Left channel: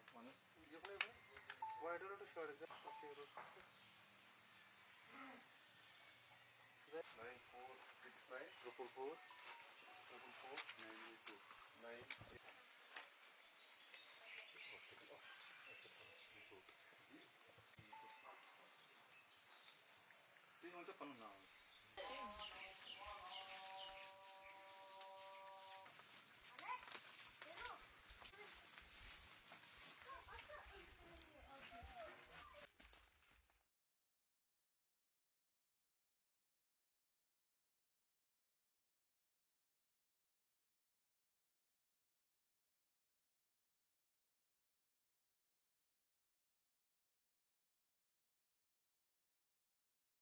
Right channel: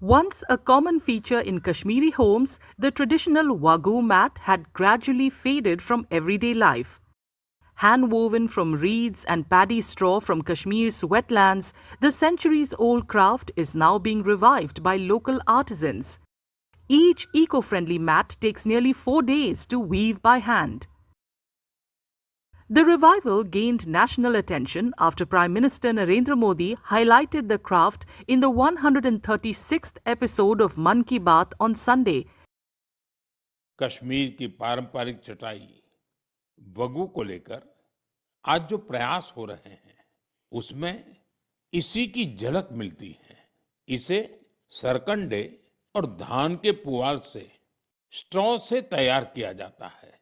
Once a common feature in Kashmiri homes, the traditional Wagoo mat had gradually faded from everyday life. Hand-woven from reeds and paddy straw from Kashmir's wetlands, the centuries-old craft is now being revived by local artisans. Each eco-friendly mat takes nearly 4 days to weave by hand. The revival gained national attention after Prime Minister Narendra Modi highlighted the craft in the 136th episode of Mann Ki Baat on Sunday. Kashmir की पारंपरिक चटाई वगू को लेकर आज जो प्रयास हो रहे हैं उसमें इसी की झलक मिलती है। इसे सरकंडे और धान के पुआल से स्ट्रॉ से तैयार किया जाता है।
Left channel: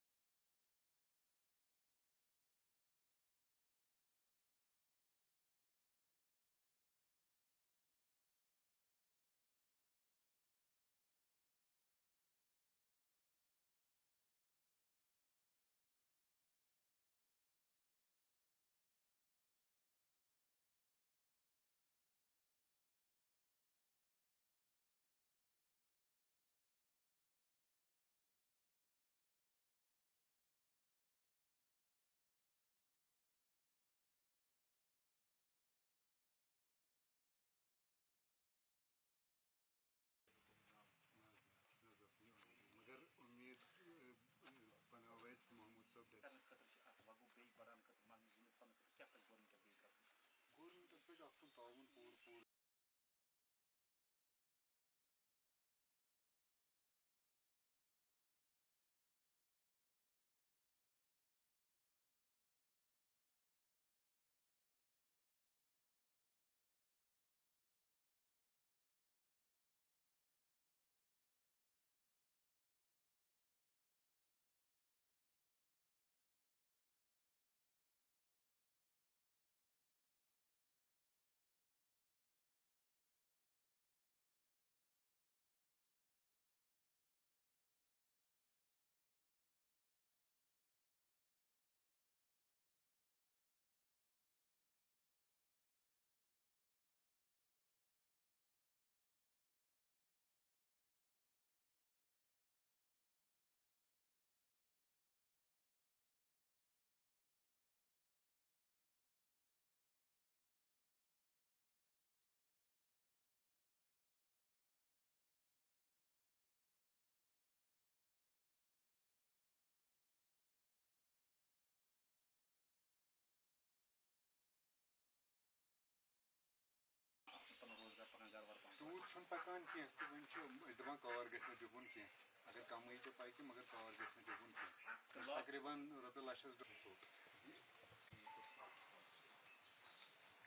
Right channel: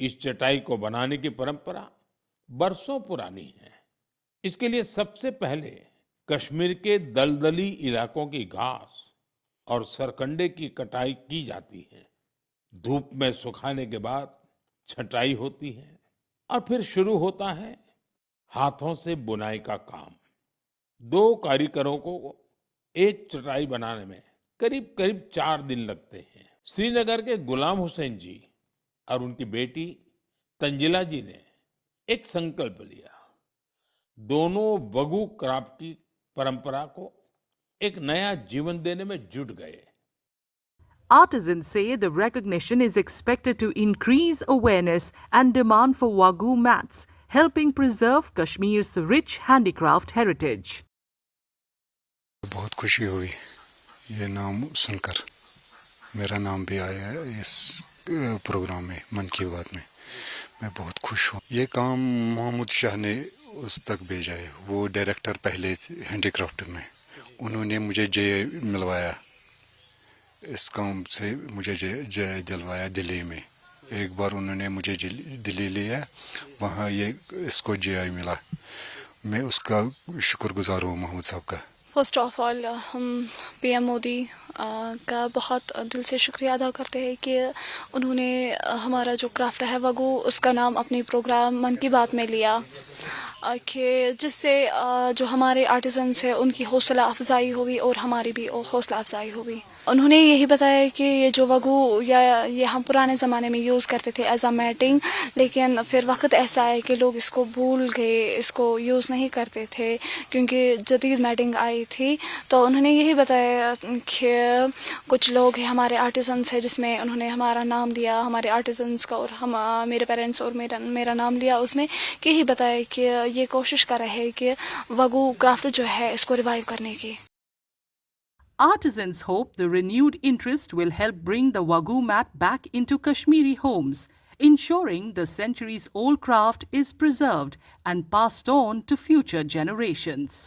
इस चटाई को बनाने की परंपरा बरसों पुरानी है। इसके लिए सबसे पहले कश्मीर के दलदली इलाकों की घास और सरकंडे की कटाई की जाती है। धूप में सुखाने के बाद छटाई होती है और फिर शुरू होता है हाथों से बुनाई का काम। 2 कारीगरों को एक चटाई बनाने में करीब करीब 4 दिन लगते हैं। श्रीनगर के गुलाम हुसैन जी और उनकी बेटी तंजिला जी ने एक संकल्प लिया। दोनों वगू क्राफ्ट की परंपरा को एक नया जीवन देने में जुट गए। Artisans say the recognition is expected to increase awareness and demand for Wagoo mats, helping preserve Kashmir's rich handicraft heritage. बहुत खुशी हुई ये नाम सुनकर। मेरा नाम भी आया है इस प्रोग्राम में, मन की बात में। मैं बहुत खुश हूँ। ये काम मोहम्मद शाह ने उस तक भेजा है। वो डायरेक्टर पहले हैंडीक्राफ्ट में, उन्होंने मुझे जय मिलवाया। इस काम से मुझे जय दिलवाया दिल्ली में। एक बार उन्होंने मुझे दिल्ली लिया, वहाँ ये इसको जय मिला। मैं उसका शुक्रगुजार हूँ मोहम्मद साहब का। फर्स्ट ऑफ ऑल हम पीएम मोदी का बहुत दिल से शुक्रिया अदा करते हैं कि उन्होंने हमारा जो क्राफ्ट है वगू उसका नाम अपने प्रोग्राम मन की बात में लिया, कि जिससे जो हमारे आर्टिजन्स हैं उनकी हौसला अफजाई हुई और हमारी भी हौसला अफजाई हुई। उन्होंने यही बताया कि ये जो वगू या ये हम पुराने ज़माने में यूज़ करते थे एज अ मैटिंग, लेकिन फिर वक्त ऐसा है कि लोग इसको भूल गए, इसको यूज़ नहीं करते थे क्योंकि जदीद मैटिंग आई थी। तो उन्होंने यही बताया कि कुछ लोग हैं हमारे आर्टिजन्स हैं जिसमें उन्होंने हमारा नाम लिया, हमारे आर्टिजन्स का, और हम मेरे पेरेंट्स और मेरा नाम लिया उसमें, कि यही बताया कि ये कोशिश कर रहे हैं कि वगू क्राफ्ट जो है इसको रिवाइव करने की। Artisans hope the renewed interest will help bring the Wagoo mat back into Kashmiri homes, ensuring the centuries-old craft is preserved and passed on to future generations.